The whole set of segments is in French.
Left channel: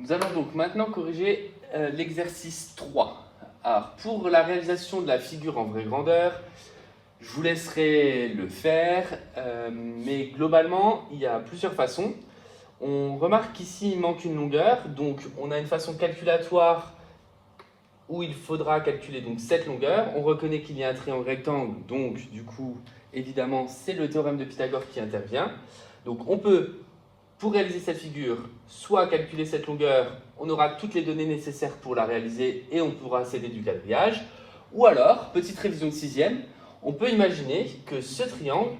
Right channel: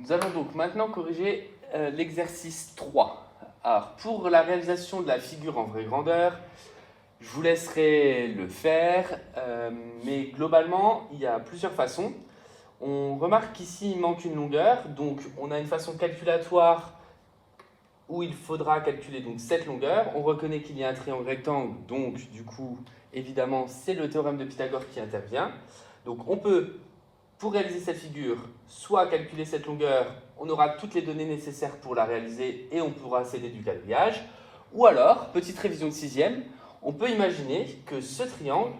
Nous allons donc maintenant corriger l'exercice 3. Alors, pour la réalisation de la figure en vraie grandeur, je vous laisserai le faire, mais globalement, il y a plusieurs façons. On remarque qu'ici, il manque une longueur, donc on a une façon calculatoire où il faudra calculer donc cette longueur. On reconnaît qu'il y a un triangle rectangle, donc du coup, évidemment, c'est le théorème de Pythagore qui intervient. Donc on peut, pour réaliser cette figure, soit calculer cette longueur, on aura toutes les données nécessaires pour la réaliser et on pourra s'aider du quadrillage. Ou alors, petite révision de sixième, on peut imaginer que ce triangle,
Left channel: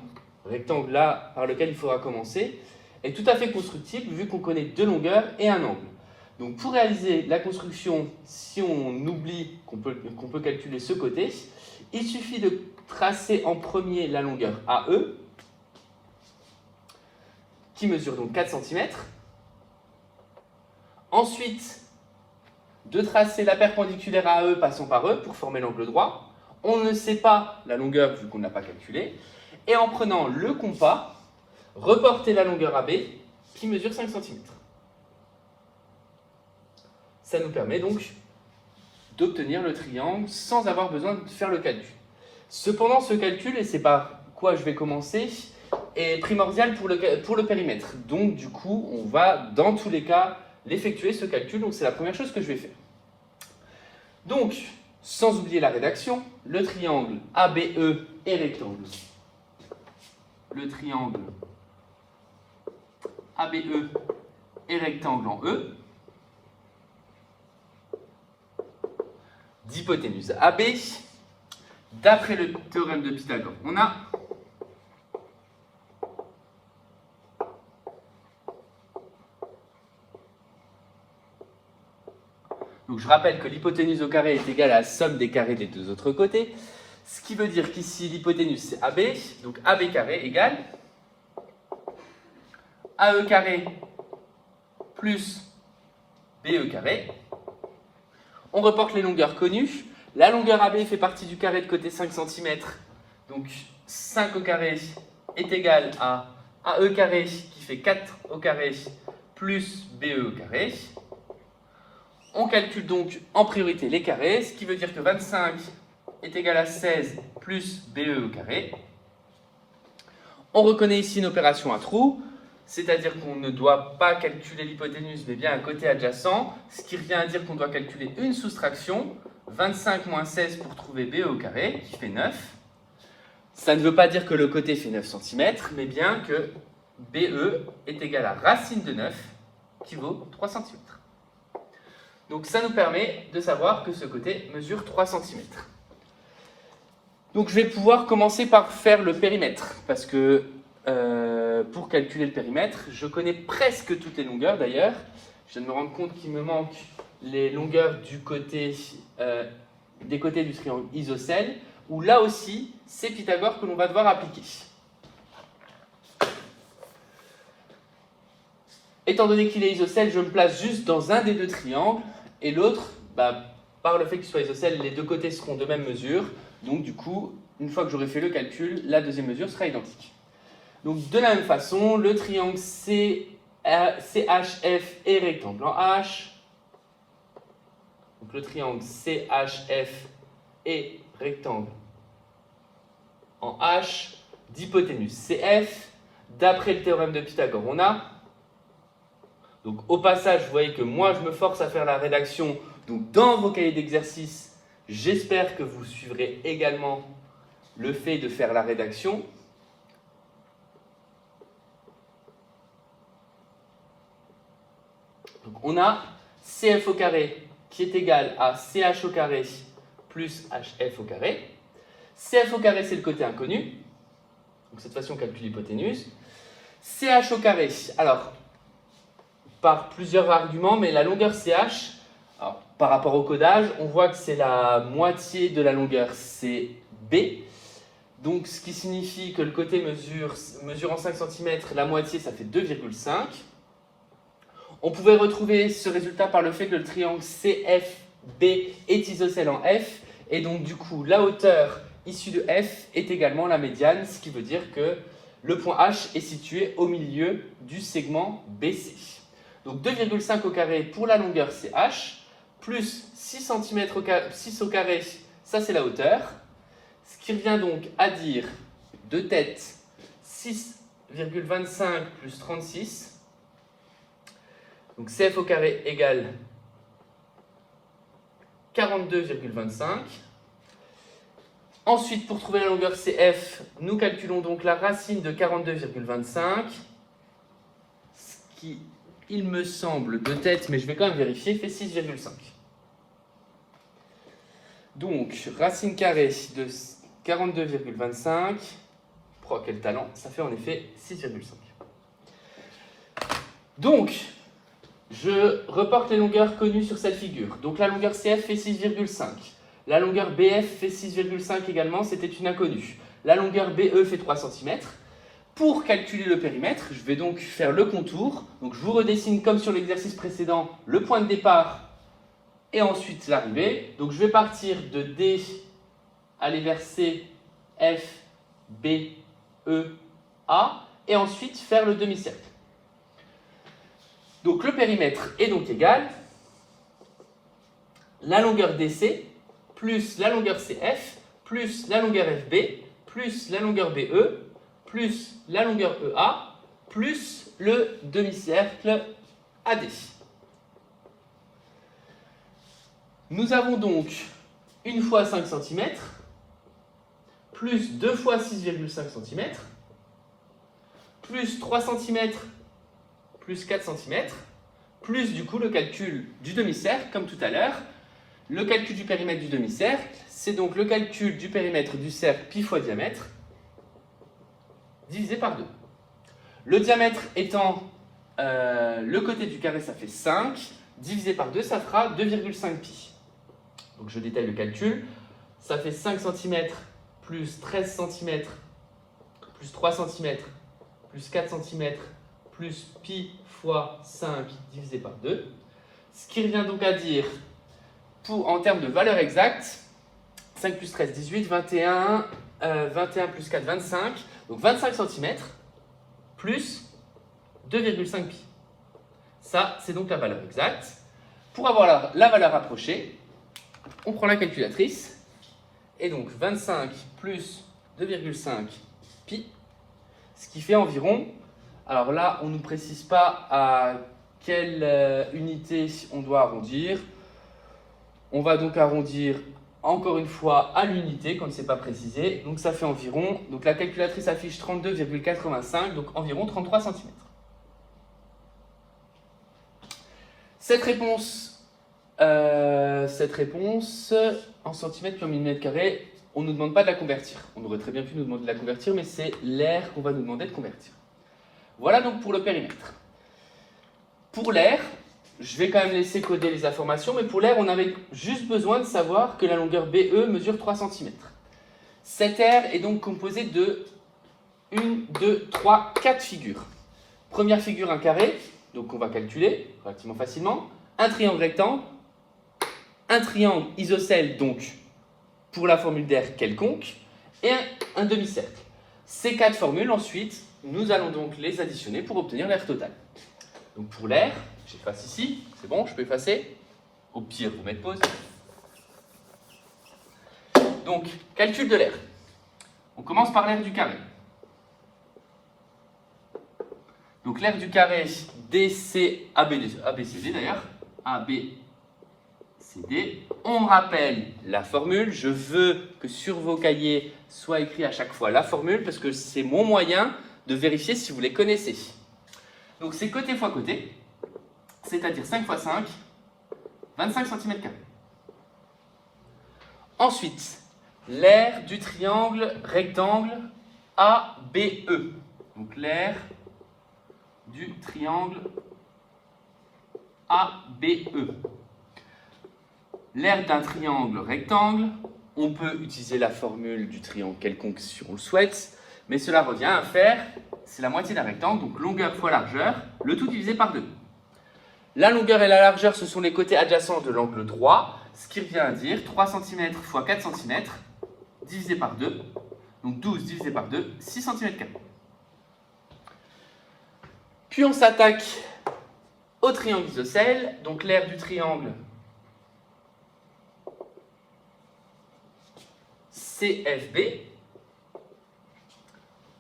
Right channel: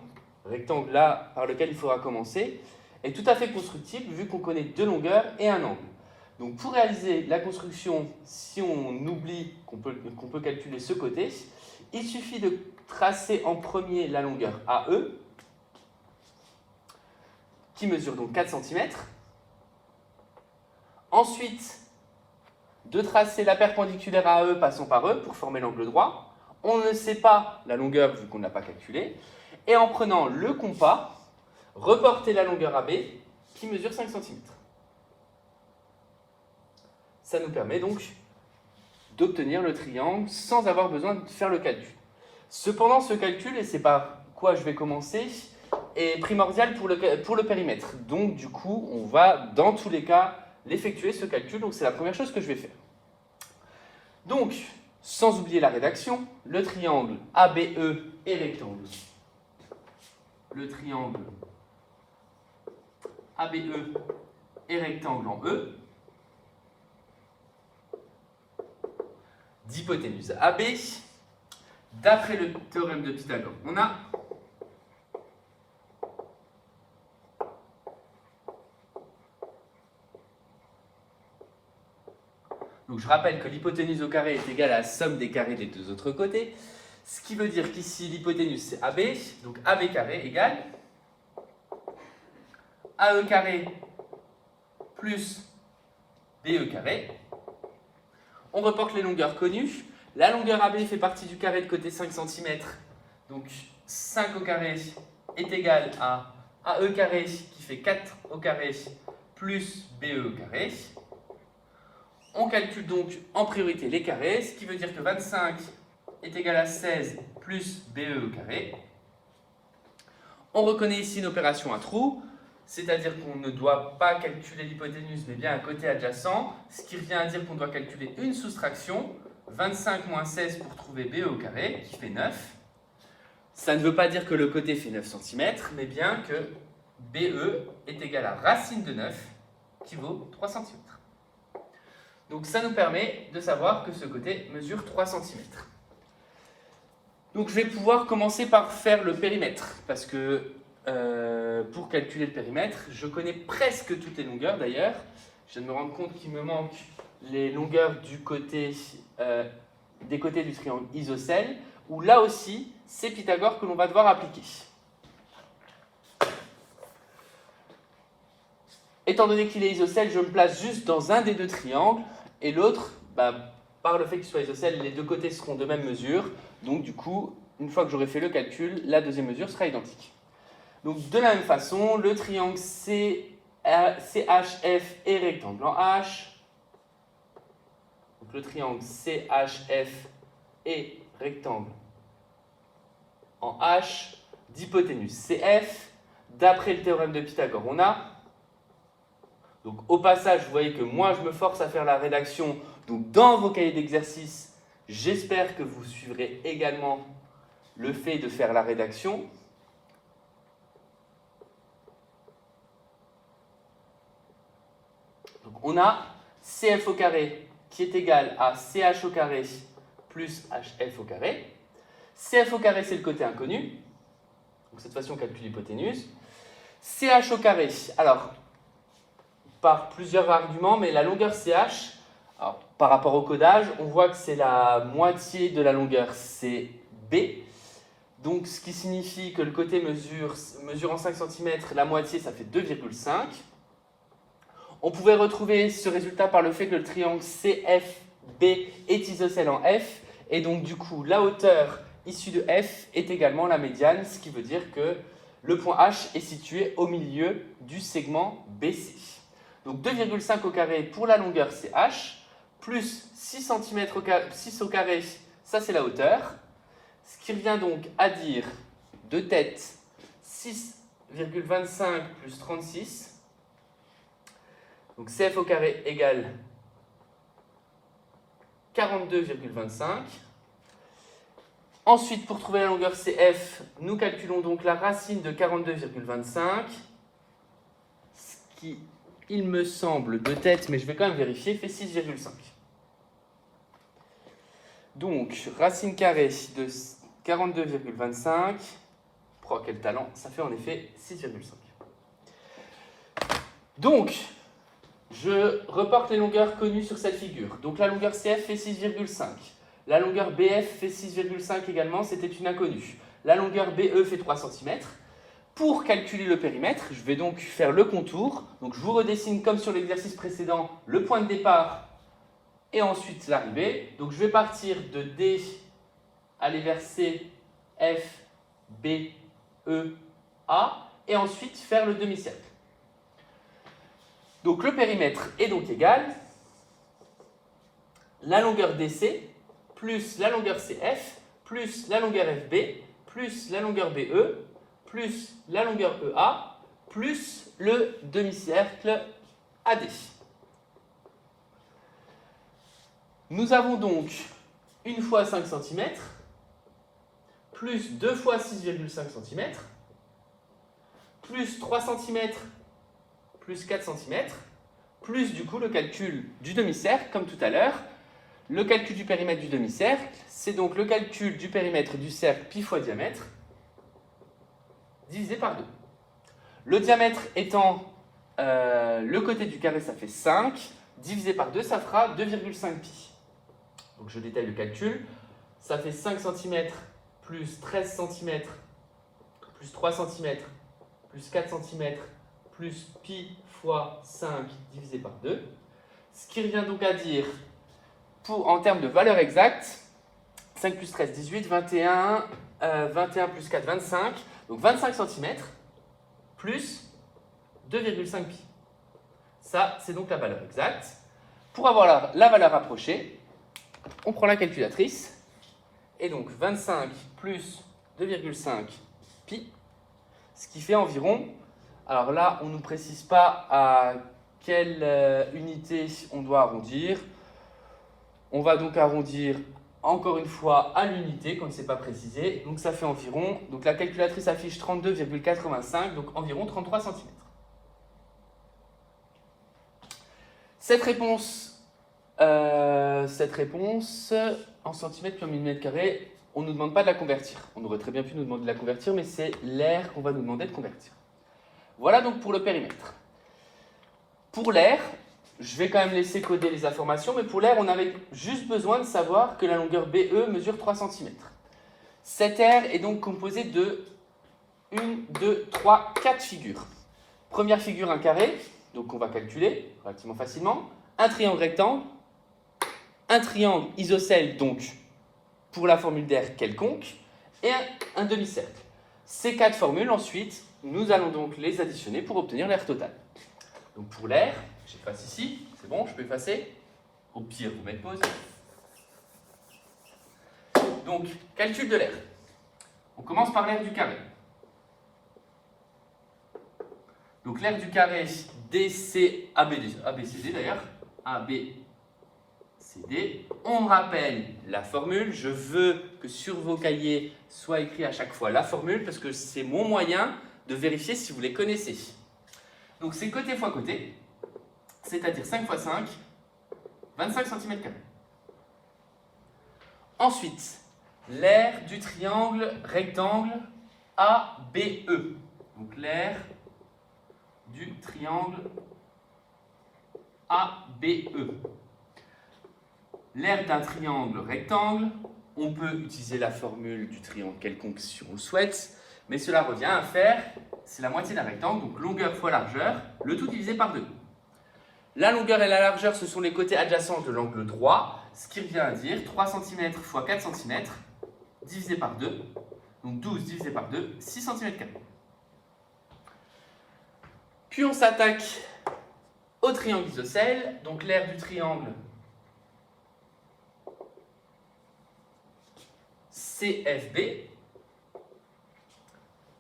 rectangle là par lequel il faudra commencer, est tout à fait constructible vu qu'on connaît deux longueurs et un angle. Donc pour réaliser la construction, si on oublie qu'on peut calculer ce côté, il suffit de tracer en premier la longueur AE, qui mesure donc 4 cm. Ensuite, de tracer la perpendiculaire à AE passant par E pour former l'angle droit. On ne sait pas la longueur vu qu'on ne l'a pas calculée. Et en prenant le compas, reporter la longueur AB qui mesure 5 cm. Ça nous permet donc d'obtenir le triangle sans avoir besoin de faire le calcul. Cependant, ce calcul, et c'est par quoi je vais commencer, est primordial pour le périmètre. Donc, du coup, on va, dans tous les cas, l'effectuer, ce calcul. Donc, c'est la première chose que je vais faire. Donc, sans oublier la rédaction, le triangle ABE est rectangle. Le triangle ABE est rectangle en E. D'hypoténuse AB, d'après le théorème de Pythagore, on a donc je rappelle que l'hypoténuse au carré est égale à la somme des carrés des deux autres côtés, ce qui veut dire qu'ici l'hypoténuse c'est AB, donc AB carré égale AE carré plus BE carré. On reporte les longueurs connues. La longueur AB fait partie du carré de côté 5 cm. Donc 5 au carré est égal à AE carré qui fait 4 au carré plus BE au carré. On calcule donc en priorité les carrés, ce qui veut dire que 25 est égal à 16 plus BE au carré. On reconnaît ici une opération à trous. C'est-à-dire qu'on ne doit pas calculer l'hypoténuse, mais bien un côté adjacent, ce qui revient à dire qu'on doit calculer une soustraction, 25 moins 16 pour trouver BE au carré, qui fait 9. Ça ne veut pas dire que le côté fait 9 cm, mais bien que BE est égal à racine de 9, qui vaut 3 cm. Donc ça nous permet de savoir que ce côté mesure 3 cm. Donc je vais pouvoir commencer par faire le périmètre, parce que pour calculer le périmètre, je connais presque toutes les longueurs d'ailleurs. Je viens de me rendre compte qu'il me manque les longueurs des côtés du triangle isocèle, où là aussi, c'est Pythagore que l'on va devoir appliquer. Étant donné qu'il est isocèle, je me place juste dans un des deux triangles, et l'autre, par le fait qu'il soit isocèle, les deux côtés seront de même mesure. Donc du coup, une fois que j'aurai fait le calcul, la deuxième mesure sera identique. Donc de la même façon, le triangle CHF est rectangle en H. Donc le triangle CHF est rectangle en H, d'hypoténuse CF. D'après le théorème de Pythagore, on a. Donc au passage, vous voyez que moi je me force à faire la rédaction. Donc dans vos cahiers d'exercice, j'espère que vous suivrez également le fait de faire la rédaction. Donc on a CF au carré qui est égal à CH au carré plus HF au carré. CF au carré, c'est le côté inconnu. Donc cette fois-ci, on calcule l'hypoténuse. CH au carré, alors, par plusieurs arguments, mais la longueur CH, alors, par rapport au codage, on voit que c'est la moitié de la longueur CB. Donc ce qui signifie que le côté mesurant 5 cm, la moitié, ça fait 2,5. On pouvait retrouver ce résultat par le fait que le triangle CFB est isocèle en F, et donc du coup la hauteur issue de F est également la médiane, ce qui veut dire que le point H est situé au milieu du segment BC. Donc 2,5 au carré pour la longueur CH, plus 6 cm au carré, 6 au carré, ça c'est la hauteur. Ce qui revient donc à dire de tête 6,25 plus 36. Donc CF au carré égale 42,25. Ensuite, pour trouver la longueur CF, nous calculons donc la racine de 42,25, ce qui, il me semble, de tête, mais je vais quand même vérifier, fait 6,5. Donc, racine carrée de 42,25, quel talent, ça fait en effet 6,5. Donc, je reporte les longueurs connues sur cette figure. Donc, la longueur CF fait 6,5. La longueur BF fait 6,5 également, c'était une inconnue. La longueur BE fait 3 cm. Pour calculer le périmètre, je vais donc faire le contour. Donc, je vous redessine comme sur l'exercice précédent le point de départ et ensuite l'arrivée. Donc, je vais partir de D, aller vers C, F, B, E, A et ensuite faire le demi-cercle. Donc, le périmètre est donc égal la longueur DC plus la longueur CF, plus la longueur FB, plus la longueur BE, plus la longueur EA, plus le demi-cercle AD. Nous avons donc 1 fois 5 cm, plus 2 fois 6,5 cm, plus 3 cm, plus 4 cm, plus du coup le calcul du demi-cercle, comme tout à l'heure. Le calcul du périmètre du demi-cercle, c'est donc le calcul du périmètre du cercle pi fois diamètre, divisé par 2. Le diamètre étant le côté du carré, ça fait 5, divisé par 2, ça fera 2,5 pi. Donc je détaille le calcul, ça fait 5 cm plus 13 cm plus 3 cm plus 4 cm plus pi fois 5 divisé par 2. Ce qui revient donc à dire, en termes de valeur exacte, 5 plus 13, 18, 21, 21 plus 4, 25. Donc 25 cm plus 2,5 pi. Ça, c'est donc la valeur exacte. Pour avoir la valeur approchée, on prend la calculatrice. Et donc 25 plus 2,5 pi, ce qui fait environ, alors là, on ne nous précise pas à quelle unité on doit arrondir. On va donc arrondir encore une fois à l'unité, quand ce n'est pas précisé. Donc ça fait environ, donc la calculatrice affiche 32,85, donc environ 33 cm. Cette réponse en centimètres comme millimètres carrés, on ne nous demande pas de la convertir. On aurait très bien pu nous demander de la convertir, mais c'est l'air qu'on va nous demander de convertir. Voilà donc pour le périmètre. Pour l'air, je vais quand même laisser coder les informations, mais pour l'air, on avait juste besoin de savoir que la longueur BE mesure 3 cm. Cet air est donc composé de 1, 2, 3, 4 figures. Première figure, un carré, donc on va calculer relativement facilement. Un triangle rectangle, un triangle isocèle, donc pour la formule d'air quelconque, et un demi-cercle. Ces 4 formules, ensuite, nous allons donc les additionner pour obtenir l'air total. Donc pour l'air, j'efface ici, c'est bon, je peux effacer. Au pire, vous mettez pause. Donc, calcul de l'air. On commence par l'air du carré. Donc l'air du carré, DC, ABCD d'ailleurs, ABCD. On rappelle la formule. Je veux que sur vos cahiers soit écrit à chaque fois la formule parce que c'est mon moyen de vérifier si vous les connaissez. Donc c'est côté fois côté, c'est-à-dire 5 fois 5, 25 cm². Ensuite, l'air du triangle rectangle ABE. Donc l'air du triangle ABE. L'air d'un triangle rectangle, on peut utiliser la formule du triangle quelconque si on le souhaite, mais cela revient à faire, c'est la moitié d'un rectangle, donc longueur fois largeur, le tout divisé par 2. La longueur et la largeur, ce sont les côtés adjacents de l'angle droit, ce qui revient à dire 3 cm fois 4 cm divisé par 2, donc 12 divisé par 2, 6 cm². Puis on s'attaque au triangle isocèle, donc l'aire du triangle CFB.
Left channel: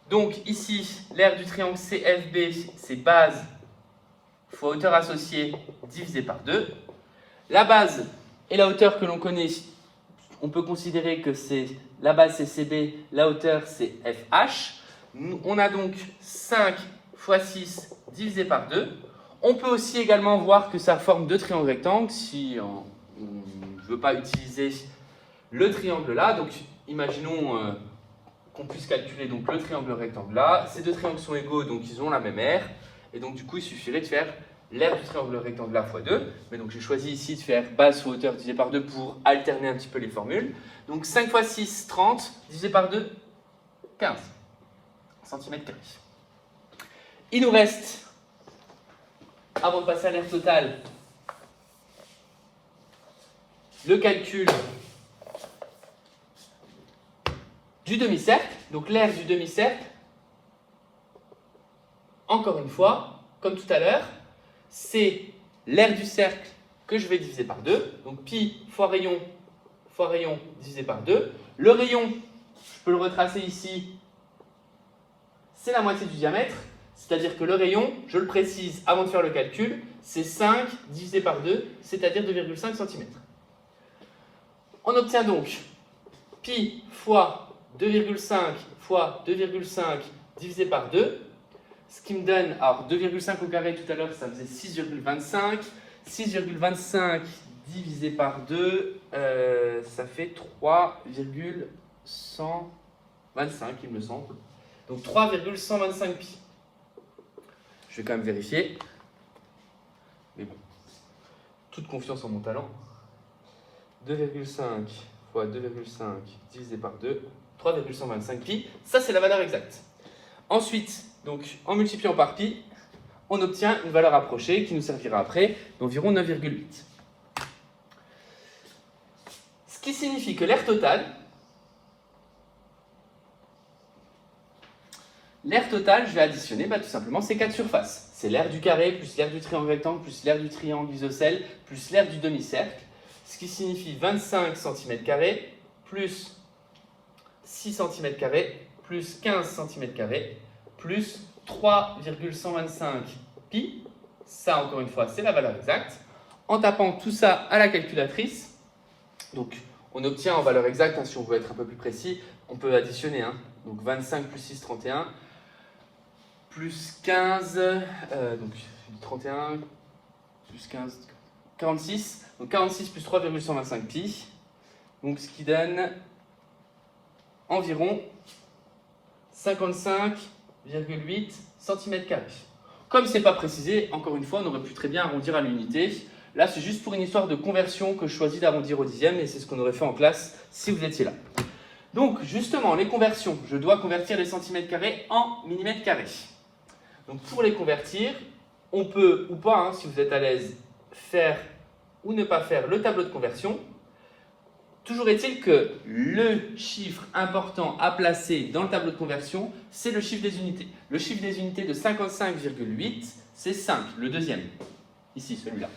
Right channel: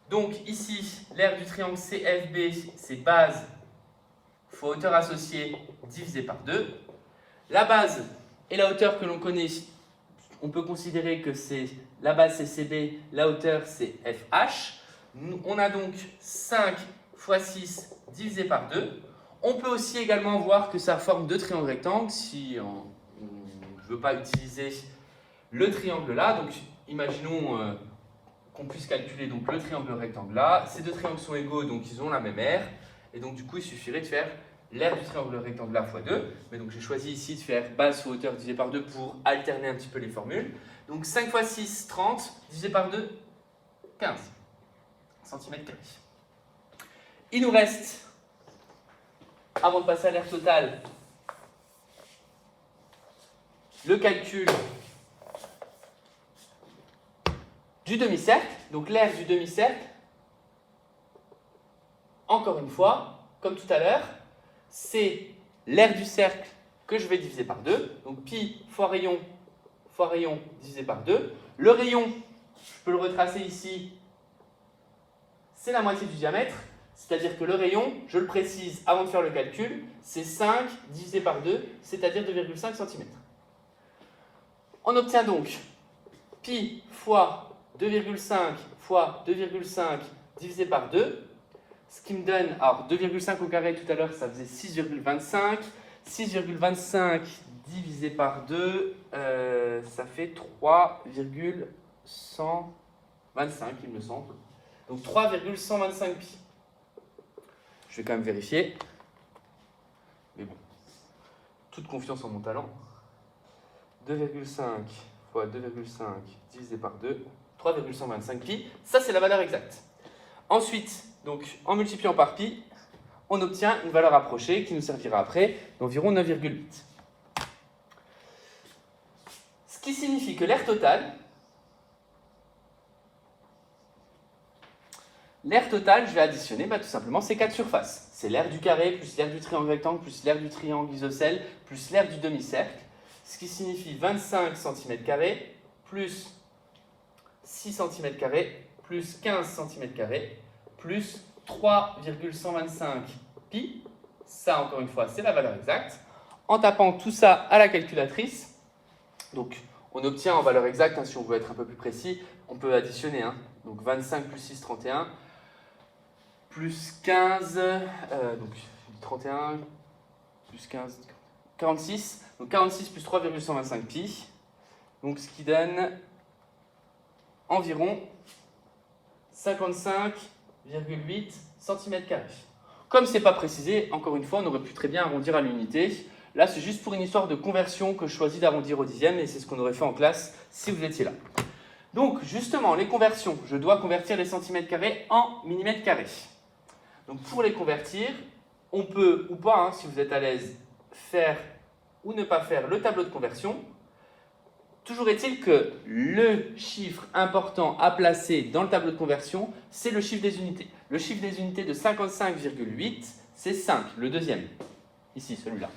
Donc ici, l'aire du triangle CFB, c'est base fois hauteur associée divisé par 2. La base et la hauteur que l'on connaît, on peut considérer que c'est la base c'est CB, la hauteur c'est FH. On a donc 5 fois 6 divisé par 2. On peut aussi également voir que ça forme deux triangles rectangles si on ne veut pas utiliser le triangle là. Donc imaginons qu'on puisse calculer donc le triangle rectangle là. Ces deux triangles sont égaux, donc ils ont la même aire. Et donc du coup, il suffirait de faire l'aire du triangle rectangle là fois 2. Mais donc j'ai choisi ici de faire base fois hauteur divisé par 2 pour alterner un petit peu les formules. Donc 5 fois 6, 30, divisé par 2, 15 cm². Il nous reste, avant de passer à l'aire totale, le calcul du demi-cercle. Donc l'aire du demi-cercle, encore une fois, comme tout à l'heure, c'est l'aire du cercle que je vais diviser par 2. Donc pi fois rayon divisé par 2. Le rayon, je peux le retracer ici, c'est la moitié du diamètre. C'est-à-dire que le rayon, je le précise avant de faire le calcul, c'est 5 divisé par 2, c'est-à-dire 2,5 cm. On obtient donc pi fois 2,5 fois 2,5 divisé par 2, ce qui me donne, alors 2,5 au carré tout à l'heure, ça faisait 6,25. 6,25 divisé par 2, ça fait 3,125, il me semble. Donc 3,125 pi. Je vais quand même vérifier. Mais bon, toute confiance en mon talent. 2,5 fois 2,5 divisé par 2, 3,125 pi. Ça, c'est la valeur exacte. Ensuite, donc, en multipliant par pi, on obtient une valeur approchée qui nous servira après d'environ 9,8. Ce qui signifie que l'aire totale, je vais additionner tout simplement ces quatre surfaces. C'est l'aire du carré, plus l'aire du triangle rectangle, plus l'aire du triangle isocèle, plus l'aire du demi-cercle. Ce qui signifie 25 cm², plus 6 cm², plus 15 cm², plus 3,125 pi. Ça, encore une fois, c'est la valeur exacte. En tapant tout ça à la calculatrice, donc on obtient en valeur exacte, si on veut être un peu plus précis, on peut additionner. Donc 25 plus 6, 31, plus 15, donc 31, plus 15, 46. Donc 46 plus 3,125 pi, donc ce qui donne environ 55,8 cm². Comme ce n'est pas précisé, encore une fois, on aurait pu très bien arrondir à l'unité. Là, c'est juste pour une histoire de conversion que je choisis d'arrondir au dixième, et c'est ce qu'on aurait fait en classe si vous étiez là. Donc, justement, les conversions, je dois convertir les cm² en mm². Donc, pour les convertir, on peut ou pas, si vous êtes à l'aise, faire ou ne pas faire le tableau de conversion. Toujours est-il que le chiffre important à placer dans le tableau de conversion, c'est le chiffre des unités. Le chiffre des unités de 55,8, c'est 5, le deuxième. Ici, celui-là.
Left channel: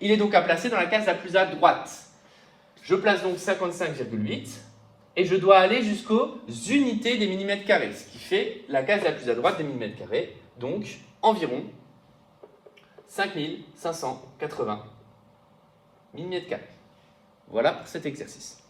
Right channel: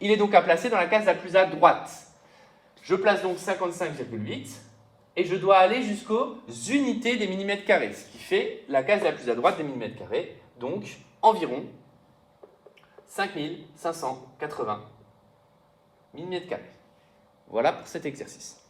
Il est donc à placer dans la case la plus à droite. Je place donc 55,8 et je dois aller jusqu'aux unités des mm², ce qui fait la case la plus à droite des mm², donc environ 5580 mm². Voilà pour cet exercice.